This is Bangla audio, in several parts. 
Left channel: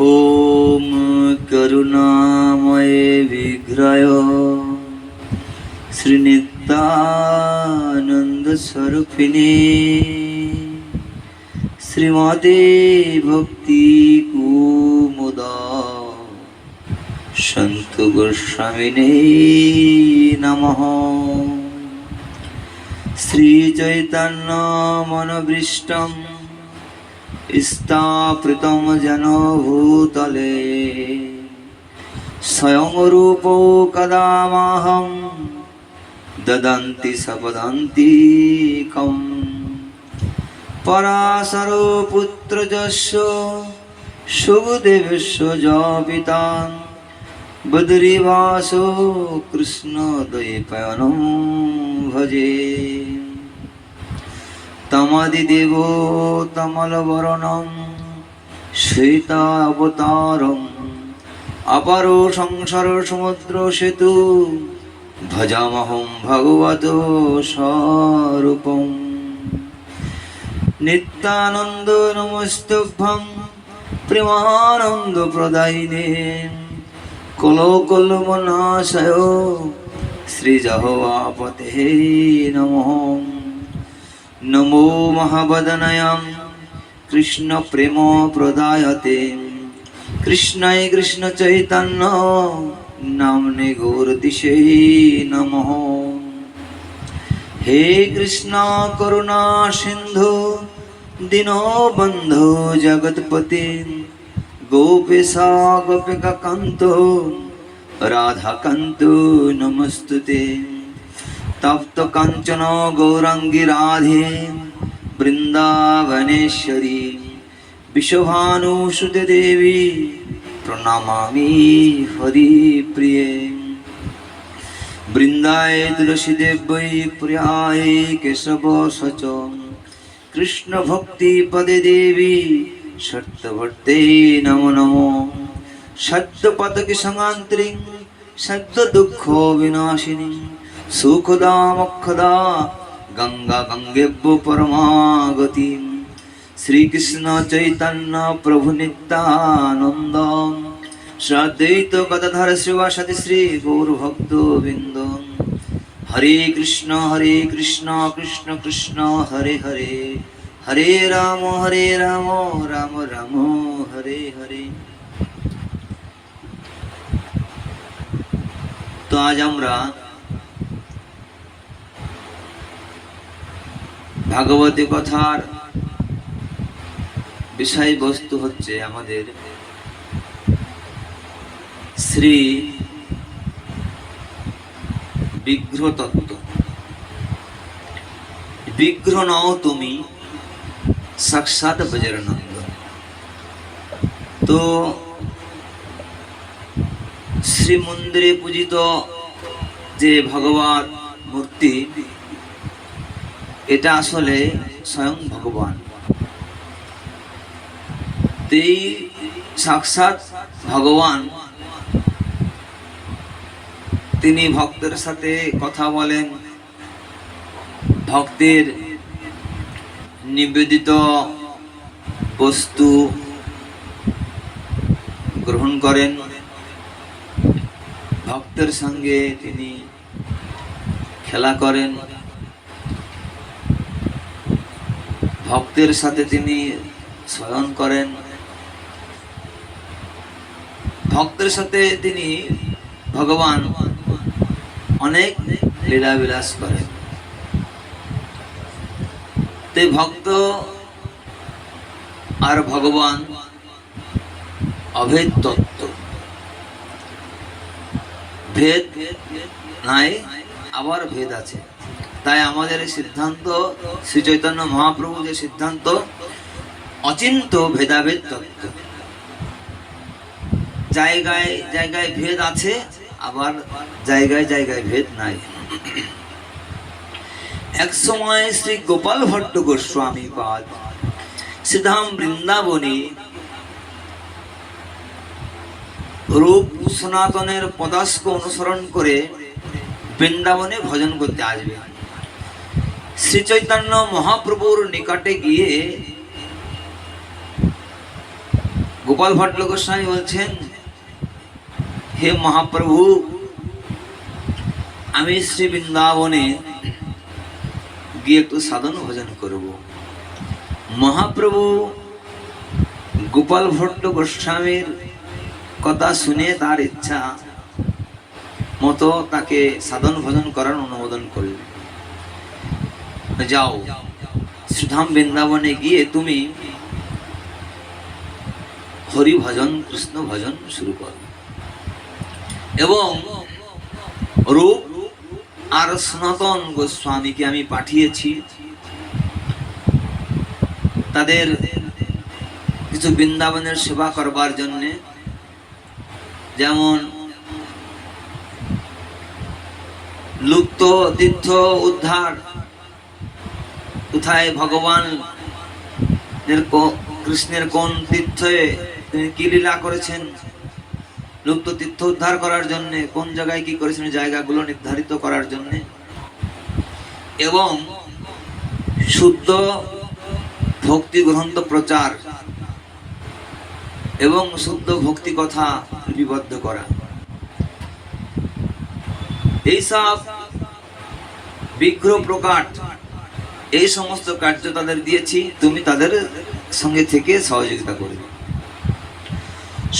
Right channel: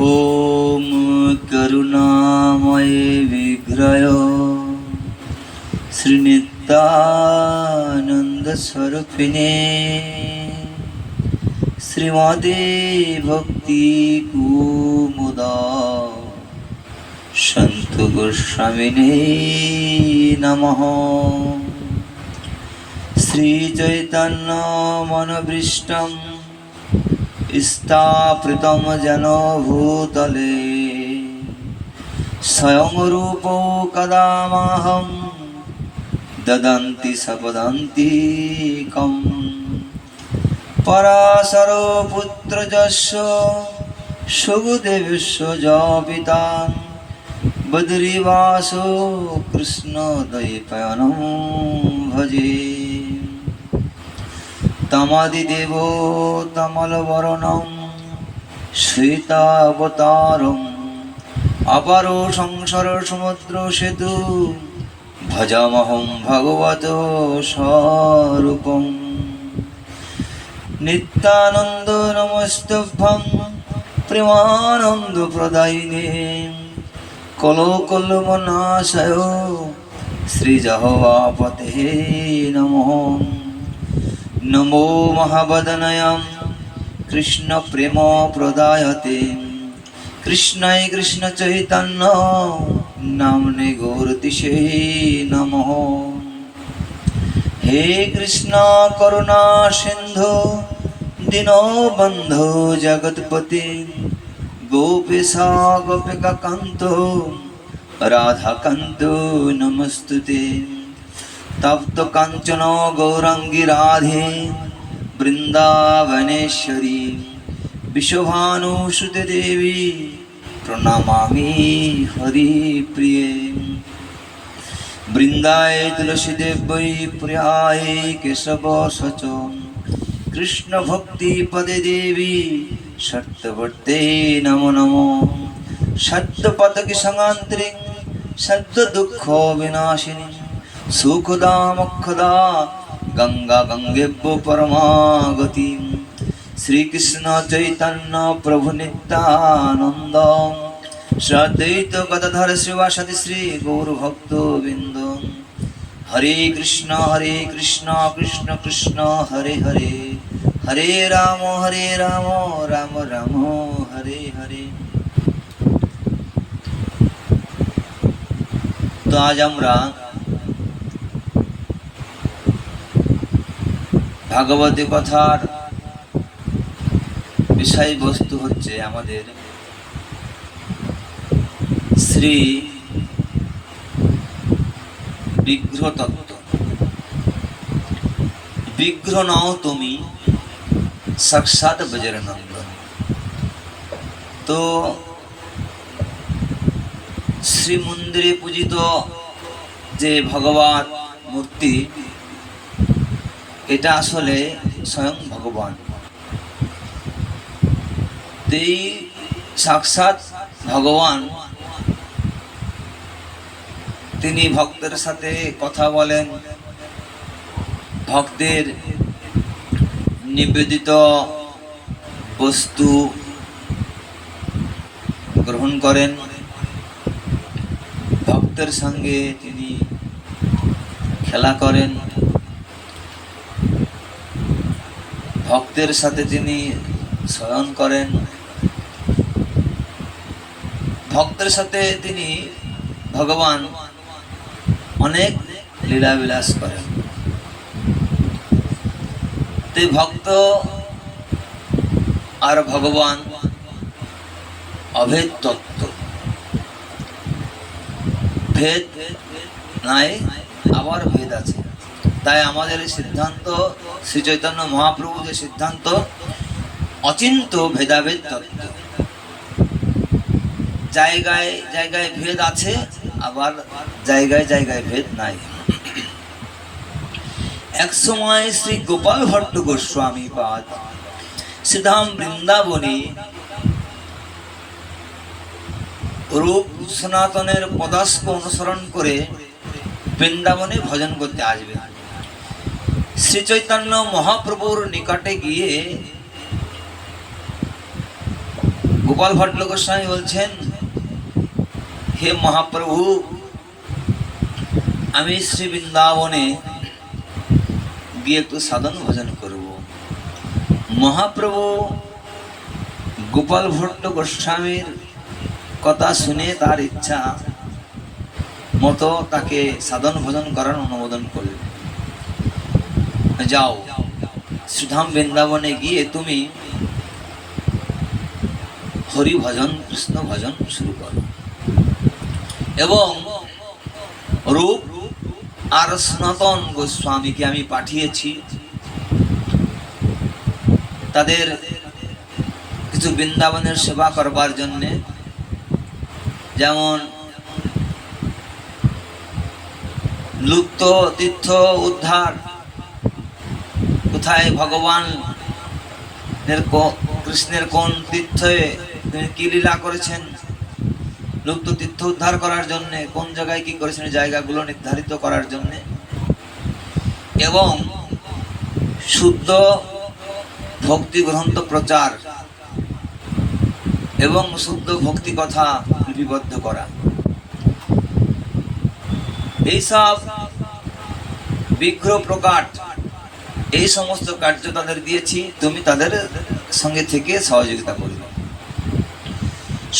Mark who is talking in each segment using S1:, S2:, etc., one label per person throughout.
S1: ॐ करुणामये विग्रय श्रीनितानन्दस्वरूपिणे श्रीमदे भक्तिकुमुदा सन्तु गोस्वामिने नमः श्रीचैतन्यमनवृष्टम् স্থাপৃতম যেন ভূতলে স্বয়ং রূপ কদামহম দদন্তি সপদন্তি কম পরাশর পুত্র যশ সুদেবস্য য পিতা বদরিবাসো কৃষ্ণ দয়ে ভজে তমল বরণম শ্বেতাবতারম আপার সংসার সমুদ্র সেতু ভজামহম ভগবত স্বরূপম নিত্যানন্দ নমস্তভ্যম প্রেমানন্দ প্রদায়িনে কলকল্লমনাশয় শ্রীজহবাপতে নমঃ নমো মহাবদনয় কৃষ্ণ প্রেম প্রদায়তে কৃষ্ণায় কৃষ্ণ চৈতন্য নামনে গৌরতিশে নম হে কৃষ্ণ করুণা সিন্ধু দীন দীনবন্ধু জগৎপতি গোপেশা গোপিকা কান্ত রাধাকান্ত নমস্তুতে तप्तकञ्चनो गौरङ्गि राधे বৃন্দাবনেশ্বরী বিশ্বভানুসুত দেবী প্রণামামি হরি প্রিয়ে বৃন্দায় তুলসী দেবৈ প্রিয়ায় কেশব সচ কৃষ্ণ ভক্তি পদে দেবী সত্যবর্তে নম নম সত্য পতকি সঙ্গান্তরী সত্য দুঃখ বিনাশিনী সুখদা মুখদা গঙ্গা গঙ্গেব্য পরমাগতি শ্রীকৃষ্ণ চৈতন্য প্রভু নিত্যানন্দ সদৈত গদাধর সতী শ্রী গৌরভক্ত বিন্দ হরে কৃষ্ণ হরে কৃষ্ণ কৃষ্ণ কৃষ্ণ হরে হরে হরে রাম হরে রাম রাম রাম হরে হরে
S2: তো আজ আমরা ভাগবতী কথার বিষয়বস্তু হচ্ছে আমাদের শ্রী বিগ্রহ তত্ত্ব বিগ্রহ নাও তুমি সাক্ষাৎ বজরনন্দ তো শ্রী মন্দিরে পূজিত যে ভগবান মূর্তি এটা আসলে স্বয়ং ভগবান তেই সাক্ষাৎ ভগবান তিনি ভক্তের সাথে কথা বলেন ভক্তের নিবেদিত বস্তু গ্রহণ করেন ভক্তের সঙ্গে তিনি খেলা করেন ভক্তের সাথে তিনি শয়ন করেন ভক্তের সাথে তিনি ভগবান অনেক লীলা বিলাস করেন তাই ভক্ত আর ভগবান অভেদ তত্ত্ব ভেদ নাই আবার ভেদ আছে তাই আমাদের এই সিদ্ধান্ত শ্রী চৈতন্য মহাপ্রভু যে সিদ্ধান্ত অচিন্ত ভেদাভেদ তত্ত্ব জায়গায় জায়গায় ভেদ আছে আবার জায়গায় জায়গায় ভেদ নাই এক সময় শ্রী গোপাল ভট্ট গোস্বামী পাদ শ্রীধাম বৃন্দাবনী রূপ সনাতনের পদাস্ক অনুসরণ করে বৃন্দাবনে ভজন করতে আসবে শ্রী চৈতন্য মহাপ্রভুর নিকটে গিয়ে গোপাল ভট্ট গোস্বামী বলছেন হে মহাপ্রভু আমি শ্রী বৃন্দাবনে গিয়ে একটু সাধন ভজন করব মহাপ্রভু গোপাল ভট্ট গোস্বামীর কথা শুনে তার ইচ্ছা মতো তাকে সাধন ভজন করার অনুমোদন করলেন যাও শ্রীধাম বৃন্দাবনে গিয়ে তুমি হরি ভজন কৃষ্ণ ভজন শুরু করো এবং রূপ আর সনাতন গোস্বামীকে আমি পাঠিয়েছি তাদের কিছু বৃন্দাবনের সেবা করবার জন্যে যেমন লুপ্ত তীর্থ উদ্ধার কোথায় ভগবান কৃষ্ণের কোন তীর্থে তিনি কি লীলা করেছেন লুপ্ত তীর্থ উদ্ধার করার জন্য কোন জায়গায় কি করেছেন জায়গাগুলো নির্ধারিত করার জন্য এবং শুদ্ধ ভক্তি গ্রন্থ প্রচার এবং শুদ্ধ ভক্তি কথা লিপিবদ্ধ করা এইসব বিগ্রহ প্রকাট এই সমস্ত কার্য তাদের দিয়েছি তুমি তাদের সঙ্গে থেকে সহযোগিতা করবে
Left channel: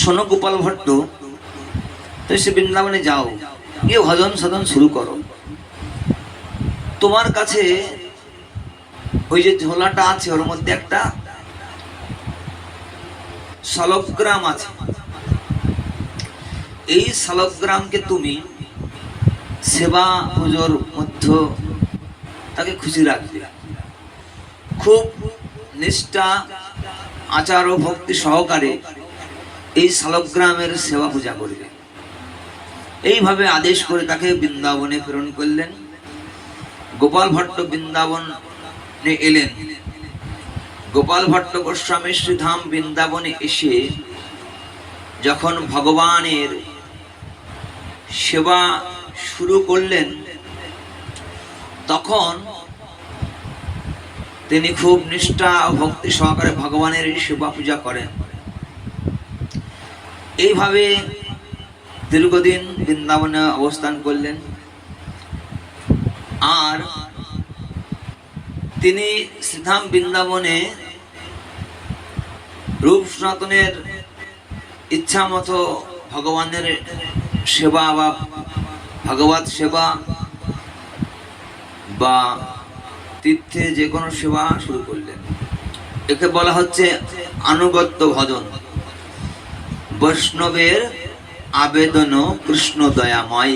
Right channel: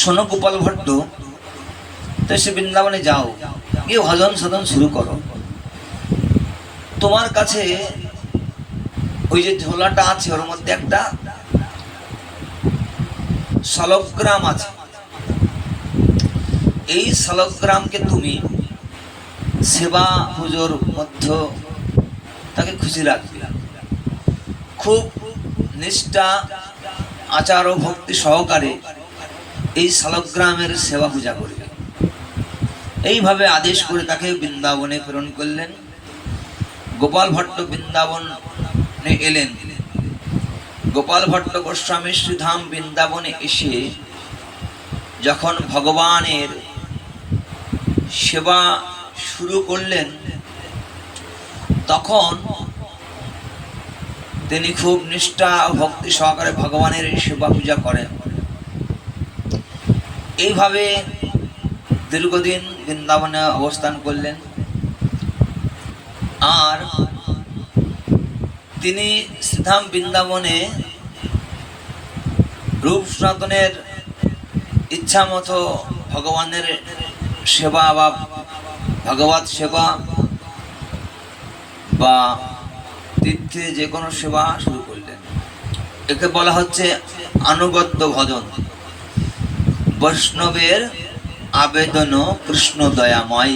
S2: শোনো গোপাল ভট্ট তুমি সে বৃন্দাবনে যাও গিয়ে ভজন সদন শুরু করো তোমার কাছে ওই যে ঝোলাটা আছে ওর মধ্যে একটা সলগ্রাম আছে এই সলগ্রামকে তুমি সেবা পুজোর মধ্য তাকে খুশি রাখবে খুব নিষ্ঠা আচার ও ভক্তি সহকারে এই শালগ্রামের সেবা পূজা করবে এইভাবে আদেশ করে তাকে বৃন্দাবনে প্রেরণ করলেন গোপাল ভট্ট বৃন্দাবনে এলেন গোপাল ভট্ট গোস্বামী শ্রীধাম বৃন্দাবনে এসে যখন ভগবানের সেবা শুরু করলেন তখন তিনি খুব নিষ্ঠা ভক্তি সহকারে ভগবানের সেবা পূজা করেন এইভাবে দীর্ঘদিন বৃন্দাবনে অবস্থান করলেন আর তিনি শ্রীধাম বৃন্দাবনে রূপ সনাতনের ইচ্ছা মতো ভগবানের সেবা বা ভগবত সেবা বা তীর্থে যে কোনো সেবা শুরু করলেন একে বলা হচ্ছে আনুগত্য ভজন বৈষ্ণবের আবেদন কৃষ্ণ দয়াময়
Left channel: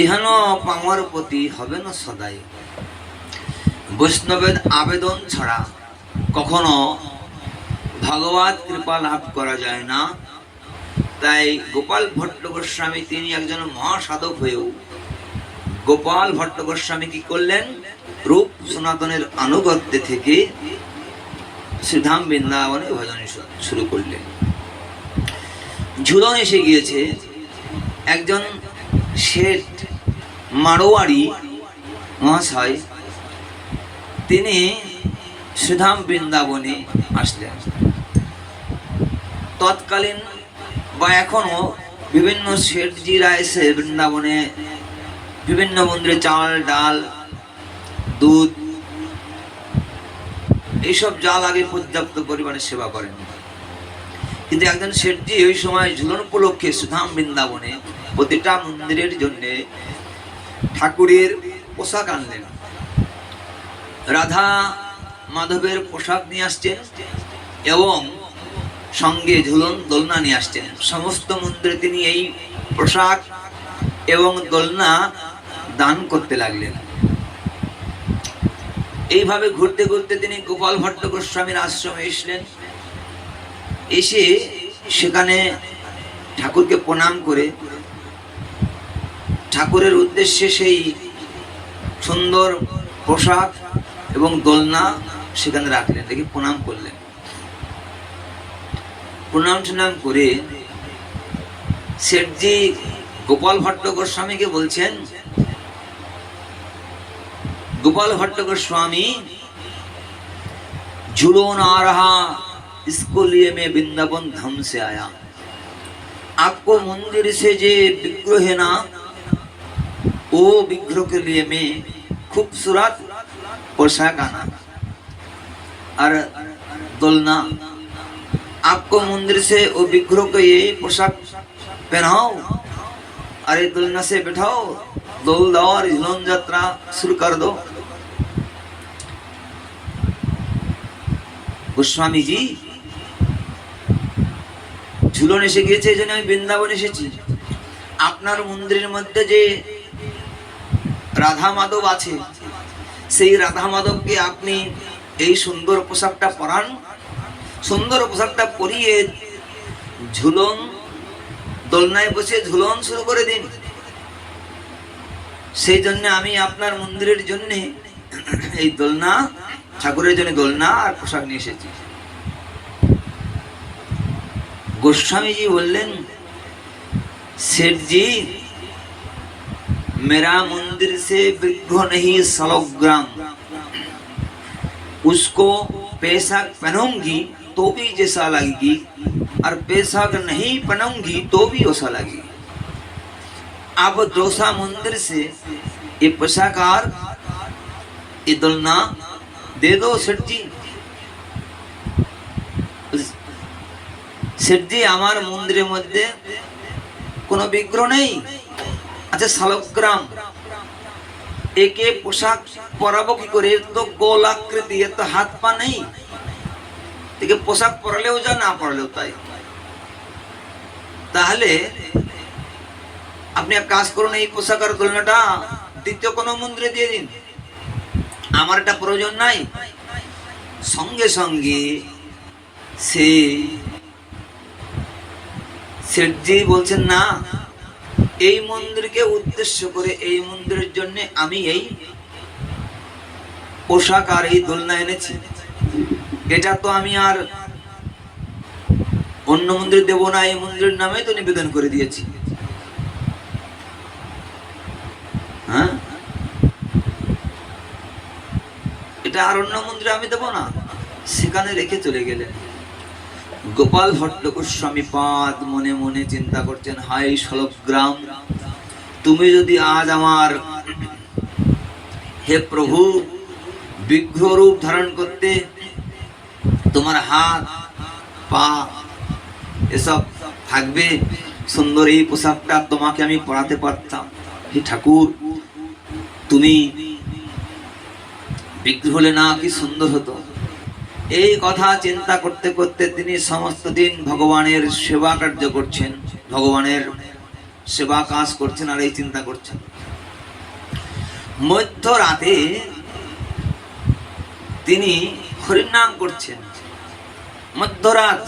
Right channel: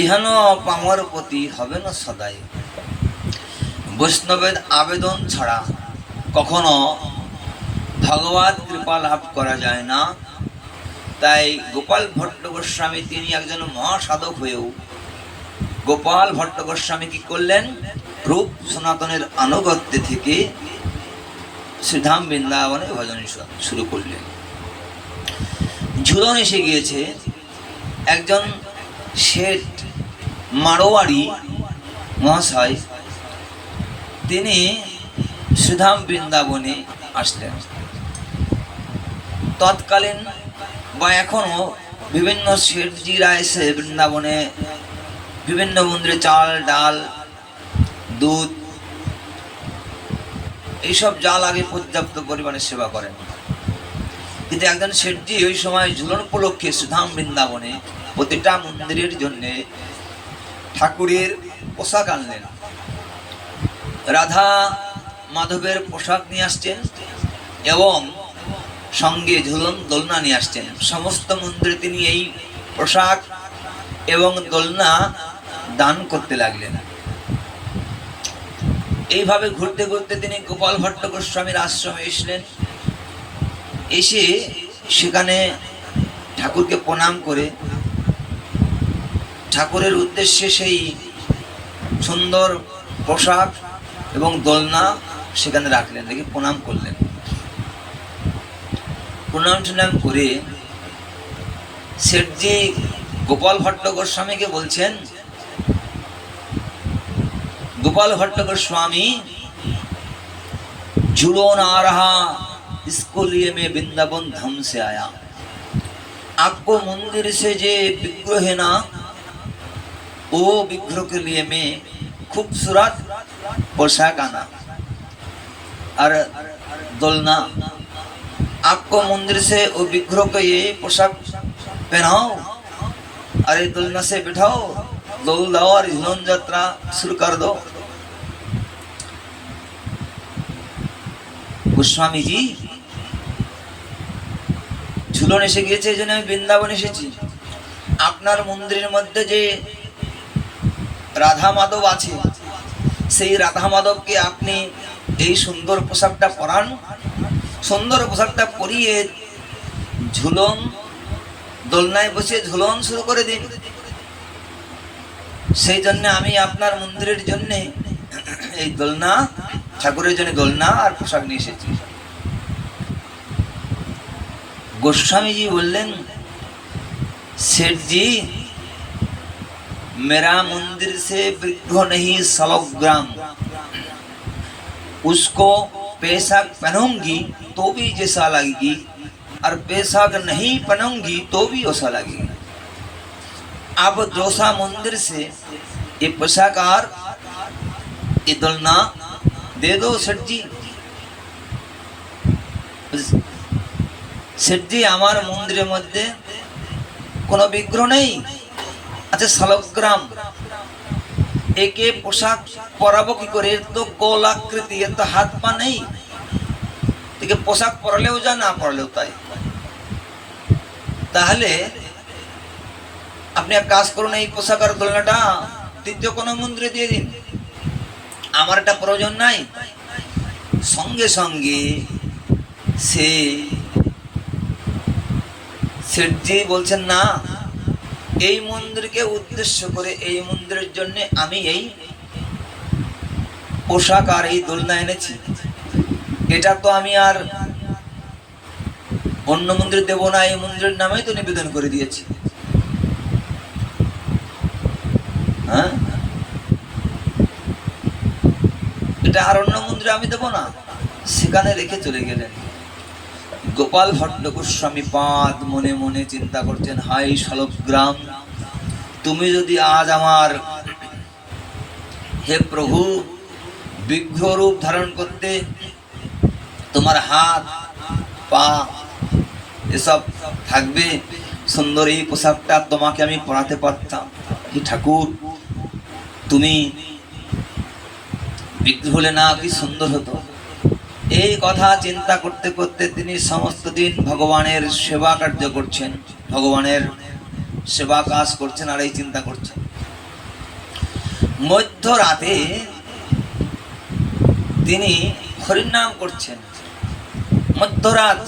S2: ইহানো পামর প্রতি হবে না সদাই বৈষ্ণবের আবেদন ছাড়া কখনো ভগবত কৃপা লাভ করা যায় না তাই গোপাল ভট্ট গোস্বামী তিনি একজন মহাসাধক হয়েও গোপাল ভট্ট গোস্বামী কি করলেন রূপ সনাতনের আনুগত্যে থেকে শ্রীধাম বৃন্দাবনে ভজন শুরু করলেন ঝুলন এসে গিয়েছে একজন শেঠ মারোয়ারি মহাশয় তিনি শ্রীধাম বৃন্দাবনে আসলেন তৎকালীন বা এখনও বিভিন্ন শেঠজিরা এসে বৃন্দাবনে বিভিন্ন মন্দিরে চাল ডাল দুধ এইসব যা লাগে পর্যাপ্ত পরিমাণে সেবা করেন কিন্তু একজন শেঠজি ওই সময় ঝুলন উপলক্ষে সুধাম বৃন্দাবনে প্রতিটা মন্দিরের জন্যে ঠাকুরের পোশাক আনলেন রাধা মাধবের পোশাক নিয়ে আসছেন এবং সঙ্গে ঝুলন দোলনা নিয়ে আসছেন সমস্ত মন্দিরে তিনি এই পোশাক এবং দোলনা দান করতে লাগলেন এইভাবে ঘুরতে ঘুরতে তিনি গোপাল ভট্ট গোস্বামীর আশ্রমে এসলেন এসে সেখানে ঠাকুরকে প্রণাম করে ঠাকুরের উদ্দেশ্যে সেই সুন্দর পোশাক এবং দোলনা সেখানে রাখলেন দেখি প্রণাম করলেন প্রণাম টুনাম করে শেঠজি গোপাল ভট্ট গোস্বামীকে বলছেন गोपाल भट्ट गोस्वामी जुड़ोन आ रहा इसको लिए मैं वृंदावन धाम से आया आपको मंदिर से जे विग्रह है ना वो विग्रह के लिए मैं खूबसूरत पोशाक आना और दोलना आपको मंदिर से वो विग्रह को ये पोशाक पहनाओ अरे दुलना से बैठाओ दौल दो और झुलन यात्रा शुरू कर दो গোস্বামীজি ঝুলন এসে গিয়েছে এই জন্য আমি বৃন্দাবন এসেছি আপনার মন্দিরের মধ্যে যে রাধা মাধব আছে সেই রাধা মাধবকে আপনি এই সুন্দর পোশাকটা পরান সুন্দর পোশাকটা পরিয়ে ঝুলন দোলনায় বসে ঝুলন শুরু করে দিন সেই জন্য আমি আপনার মন্দিরের জন্যে এই দোলনা ঠাকুরের জন্য দোলনা আর পোশাক নিয়ে এসেছি গোস্বামীজি বললেন सेठ जी मेरा मंदिर से वृद्धो नहीं सलोग्राम उसको पेशाक पहनूंगी तो भी जैसा लगेगी और पेशाक नहीं पहनूंगी तो भी वैसा लगेगी अब दोसा मंदिर से ये पोशाकार ये दुलना दे दो सेठ जी আমার মন্দিরের মধ্যে কোনো বিগ্রহ নেই আছে শালগ্রাম একে পোশাক পরাবো কি করে তো গোলাকৃতি এর তো হাত পা নেই একে পোশাক পরালেও যা না পরালেও তাই তাহলে আপনি এক কাজ করুন এই পোশাক আর দোলনাটা দ্বিতীয় কোনো মন্দিরে দিয়ে দিন আমার একটা প্রয়োজন নাই সঙ্গে সঙ্গে সে শেঠজি বলছেন না এই মন্দিরকে উদ্দেশ্য করে এই মন্দিরের জন্য আমি এই পোশাক আর এই দোলনা এনেছি এটা তো আমি আর অন্য মন্দির দেব না এই মন্দিরের নামেই তো নিবেদন করে দিয়েছি হ্যাঁ এটা আরণ্য মন্দিরে আমি দেবো না সেখানে রেখে চলে গেলেন গোপাল ভট্ট গোস্বামী পাদ মনে মনে চিন্তা করছেন হাই সলভ গ্রাম তুমি যদি আজ আমার হে প্রভু বিঘ্ন রূপ ধারণ করতে তোমার হাত পা এসব থাকবে সুন্দর এই পোশাকটা তোমাকে আমি পড়াতে পারতাম হে ঠাকুর তুমি বিক্রি হলে না কি সুন্দর হতো এই কথা চিন্তা করতে করতে তিনি সমস্ত দিন ভগবানের সেবা কার্য করছেন ভগবানের সেবা কাজ করছেন আর এই চিন্তা করছেন রাতে তিনি হরিনাম করছেন মধ্যরাত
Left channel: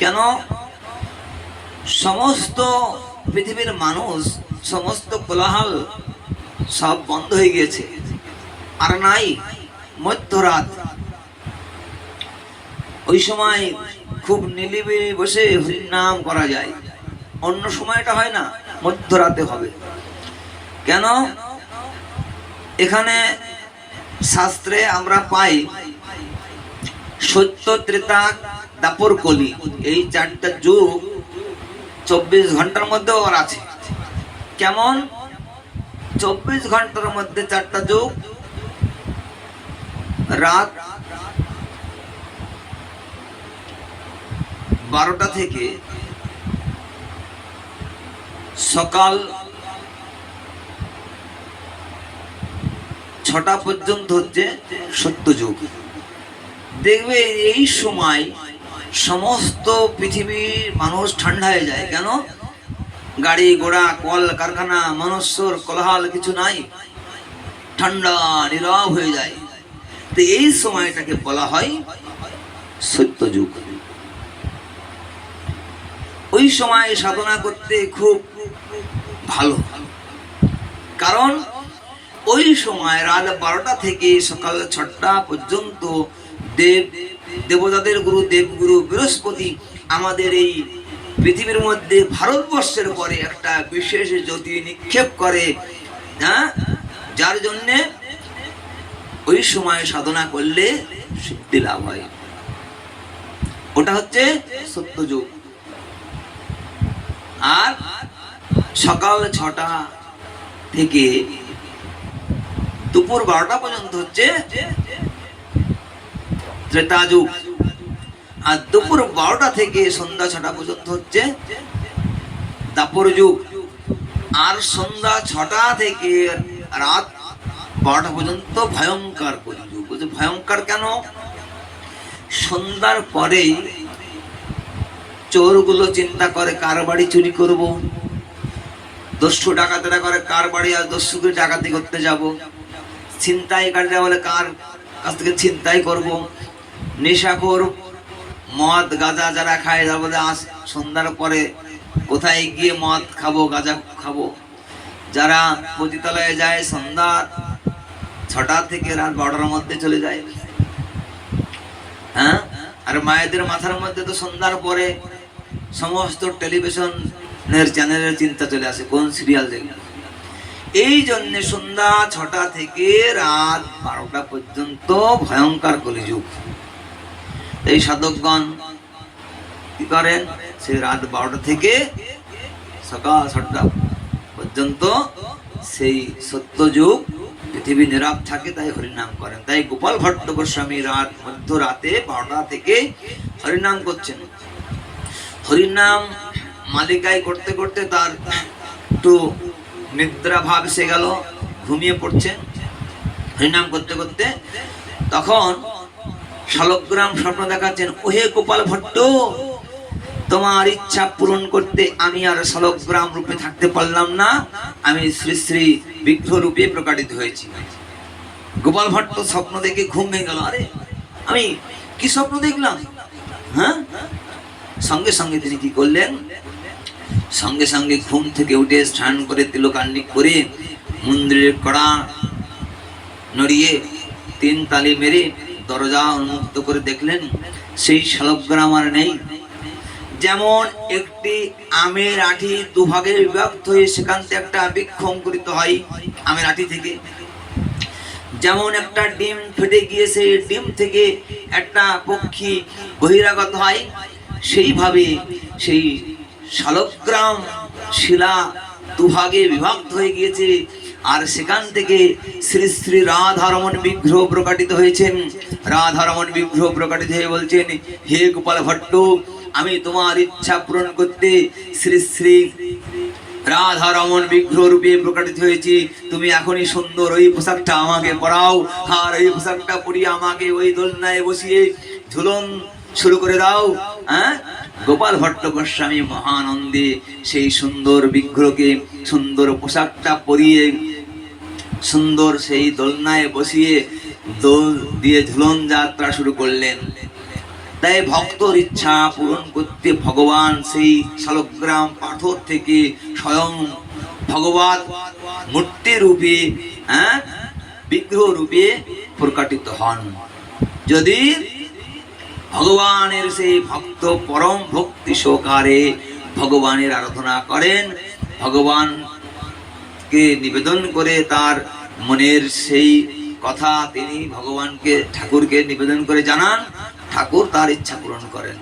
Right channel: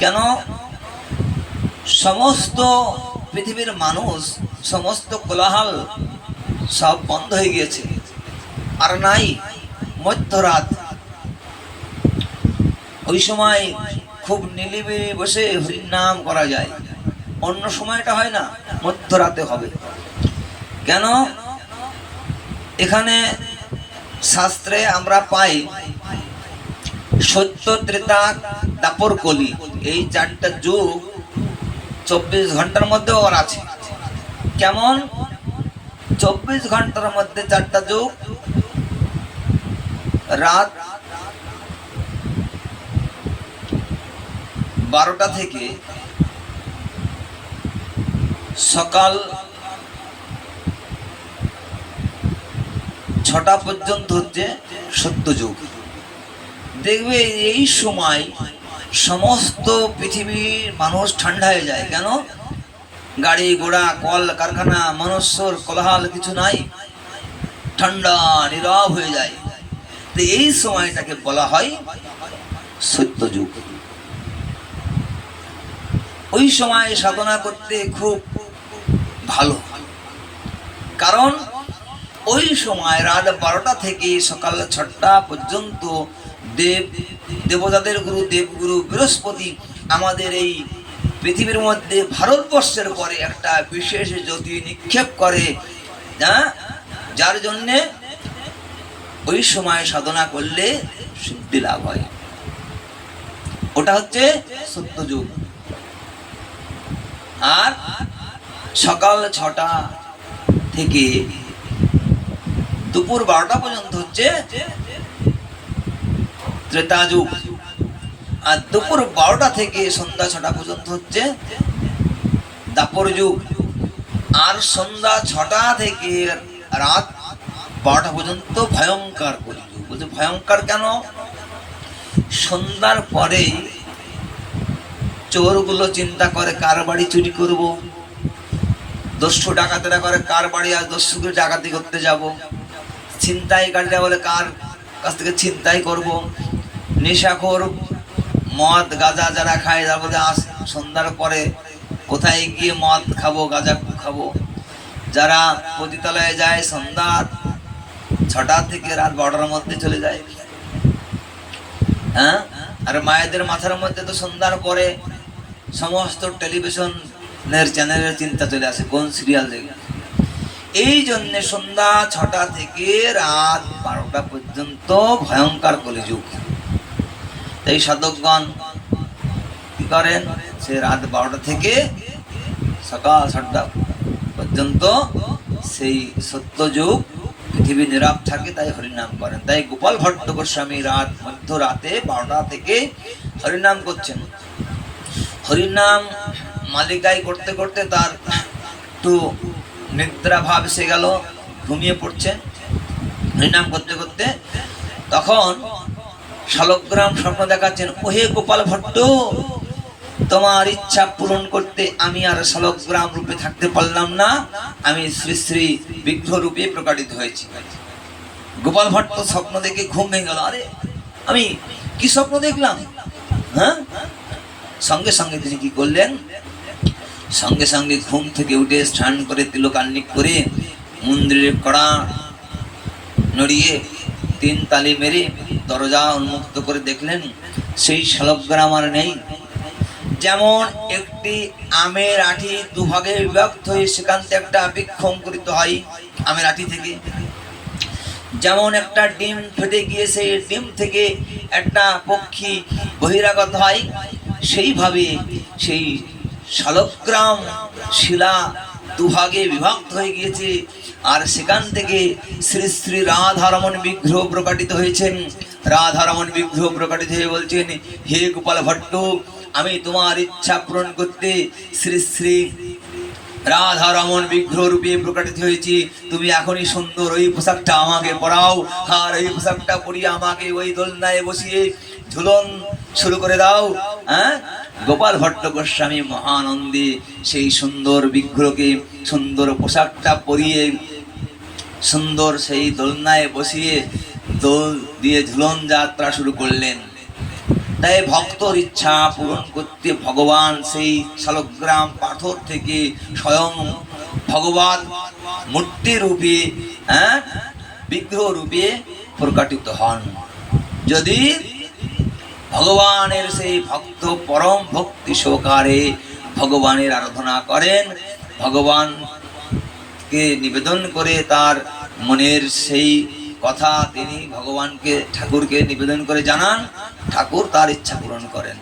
S2: কেন সমস্ত পৃথিবীর মানুষ সমস্ত কোলাহল সব বন্ধ হয়ে গিয়েছে আর নাই মধ্যরাত ওই সময় খুব নিলিবিলি বসে নাম করা যায় অন্য সময়টা হয় না মধ্যরাতে হবে কেন এখানে শাস্ত্রে আমরা পাই সত্য ত্রেতা দাপর কলি এই চারটা যুগ চব্বিশ ঘন্টার মধ্যে ওর আছে কেমন চব্বিশ ঘন্টার মধ্যে চারটা যুগ রাত বারোটা থেকে সকাল ছটা পর্যন্ত হচ্ছে সত্যযুগ দেখবে এই সময় সমস্ত পৃথিবীর মানুষ ঠান্ডা হয়ে যায় কেন গাড়ি ঘোড়া কল কারখানা মানুষর কলহাল কিছু নাই ঠান্ডা নীরব হয়ে যায় তো এই সময়টাকে বলা হয় যুগ ওই সময় সাধনা করতে খুব ভালো কারণ ওই সময় রাত বারোটা থেকে সকাল ছটা পর্যন্ত দেব দেবতাদের গুরু দেবগুরু বৃহস্পতি আমাদের এই পৃথিবীর মধ্যে ভারতবর্ষের পরে একটা বিশেষ জ্যোতি নিক্ষেপ করে হ্যাঁ যার জন্যে ওই সময় সাধনা করলে সিদ্ধি লাভ হয় ওটা হচ্ছে সত্য যুগ আর সকাল ছটা থেকে দুপুর বারোটা পর্যন্ত হচ্ছে ত্রেতা যুগ আর দুপুর বারোটা থেকে সন্ধ্যা ছটা পর্যন্ত হচ্ছে দাপর যুগ আর সন্ধ্যা ছটা থেকে রাত বারোটা পর্যন্ত ভয়ঙ্কর কলিযুগ বলছে ভয়ঙ্কর কেন সন্ধ্যার পরেই চোরগুলো চিন্তা করে কার বাড়ি চুরি করব দস্যু ডাকাতেরা করে কার বাড়ি আর দস্যুকে ডাকাতি করতে যাব ছিনতাইকারীরা বলে কার কাছ থেকে ছিনতাই করব নেশাখোর মদ গাঁজা যারা খায় তার মধ্যে আস সন্ধ্যার পরে কোথায় গিয়ে মদ খাবো গাঁজা খাবো যারা পতিতালয়ে যায় সন্ধ্যা ছটা থেকে রাত বারোটার মধ্যে চলে যায় হ্যাঁ আর মায়েদের মাথার মধ্যে তো সন্ধ্যার পরে সমস্ত টেলিভিশনের চ্যানেলের চিন্তা চলে আসে কোন সিরিয়াল এই জন্য সন্ধ্যা ছটা থেকে রাত বারোটা পর্যন্ত ভয়ঙ্কর কলিযুগ এই সাধকগণ কি করেন সে রাত বারোটা থেকে সকাল সাতটা পর্যন্ত সেই সত্যযুগ পৃথিবী নীরব থাকে তাই হরিনাম করেন তাই গোপাল ভট্ট গোস্বামী রাত মধ্য রাতে বারোটা থেকে হরিনাম করছেন হরিনাম মালিকায় করতে করতে তার একটু নিদ্রা ভাব এসে গেল ঘুমিয়ে পড়ছেন হরিনাম করতে করতে তখন শালগ্রাম স্বপ্ন দেখাচ্ছেন ওহে গোপাল ভট্ট তোমার ইচ্ছা পূরণ করতে আমি আর সলক গ্রাম রূপে থাকতে পারলাম না আমি শ্রী শ্রী বিঘ্ন রূপে প্রকাটিত হয়েছি গোপাল ভট্ট স্বপ্ন দেখে ঘুম ভেঙে গেল আরে আমি কি স্বপ্ন দেখলাম হ্যাঁ সঙ্গে সঙ্গে তিনি কি করলেন সঙ্গে সঙ্গে ঘুম থেকে উঠে স্নান করে তিলকান্নিক করে মন্দিরের কড়া নড়িয়ে তিন তালি মেরে দরজা উন্মুক্ত করে দেখলেন সেই শালগ্রাম আর নেই যেমন একটি আমের আঠি দুভাগে বিভক্ত হয়ে সেখান থেকে একটা বৃক্ষ অঙ্কুরিত হয় আমের আঠি থেকে যেমন একটা ডিম ফেটে গিয়ে সেই ডিম থেকে একটা পক্ষী বহিরাগত হয় সেইভাবে সেই শালগ্রাম শিলা দুভাগে বিভক্ত হয়ে গিয়েছে আর সেখান থেকে শ্রী শ্রী রাধারমণ বিগ্রহ প্রকাটিত হয়েছেন রাধারমণ বিগ্রহ প্রকাটিত হয়ে বলছেন হে গোপাল ভট্ট আমি তোমার ইচ্ছা পূরণ করতে শ্রী শ্রী রাধা রমন বিগ্রহ রূপে প্রকাশিত হয়েছে তুমি এখনই সুন্দর ওই পোশাকটা আমাকে পরাও আর ওই পোশাকটা পরিয়ে আমাকে ওই দোলনায় বসিয়ে ঝুলন শুরু করে দাও হ্যাঁ গোপাল ভট্ট গোস্বামী মহানন্দে সেই সুন্দর বিগ্রহকে সুন্দর পোশাকটা পরিয়ে সুন্দর সেই দোলনায় বসিয়ে দোল দিয়ে ঝুলন যাত্রা শুরু করলেন তাই ভক্তর ইচ্ছা পূরণ করতে ভগবান সেই শালগ্রাম পাথর থেকে স্বয়ং ভগবান মূর্তি রূপে হ্যাঁ বিগ্রহ রূপে প্রকাটিত হন যদি ভগবানের সেই ভক্ত পরম ভক্তি সহকারে ভগবানের আরাধনা করেন ভগবানকে নিবেদন করে তার মনের সেই কথা তিনি ভগবানকে ঠাকুরকে নিবেদন করে জানান ঠাকুর তার ইচ্ছা পূরণ করেন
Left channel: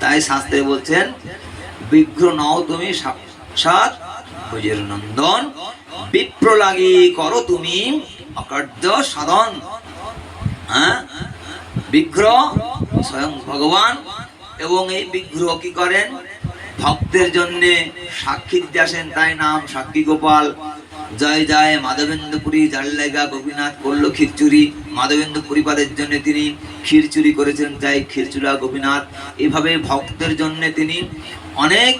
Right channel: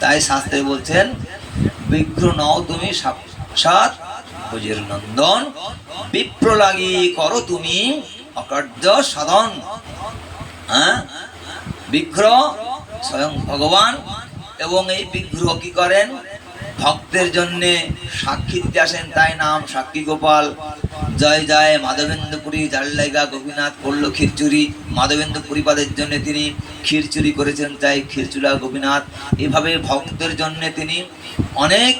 S2: তাই শাস্ত্রে বলছেন বিঘ্র নও তুমি সাত নন্দন বিপ্র লাগি করো তুমি অকার্য সাধন হ্যাঁ বিঘ্র স্বয়ং ভগবান এবং এই বিঘ্র কি করেন ভক্তের জন্যে সাক্ষী দিতে আসেন তাই নাম সাক্ষী গোপাল জয় জয় মাধবেন্দ্রপুরী জাল লাইগা গোপীনাথ করল খিরচুরি মাধবেন্দ্রপুরী পাদের জন্য তিনি খিরচুরি করেছেন তাই খিরচুরা গোপীনাথ এভাবে ভক্তের জন্য তিনি অনেক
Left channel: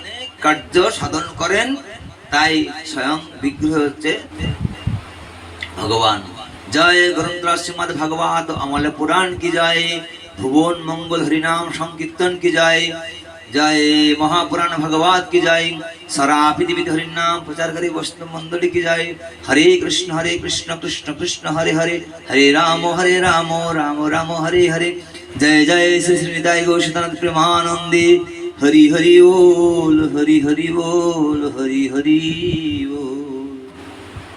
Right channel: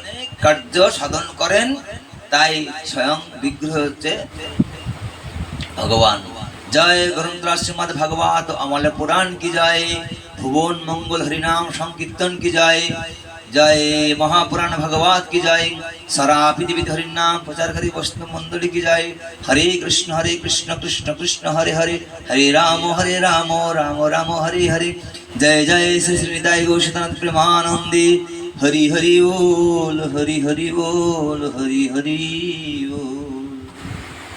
S2: কার্য সাধন করেন তাই স্বয়ং বিগ্রহ হচ্ছে ভগবান জয় গরুন্দ্র শ্রীমদ ভগবত অমল পুরাণ কি জয় ভুবন মঙ্গল হরিনাম সংকীর্তন কি জয় जय महापुराण भगवान की जय सारा हरि नाम प्रचार करे वस्तु मंडली की जय हरे कृष्ण हरे कृष्ण कृष्ण कृष्ण हरे हरे हरे राम हरे राम राम राम हरे हरे जय जय श्री श्रीदाय गोशनाथ प्रेमानंदी हरि हरि ओल हरि हरि ओल हरि हरि ओल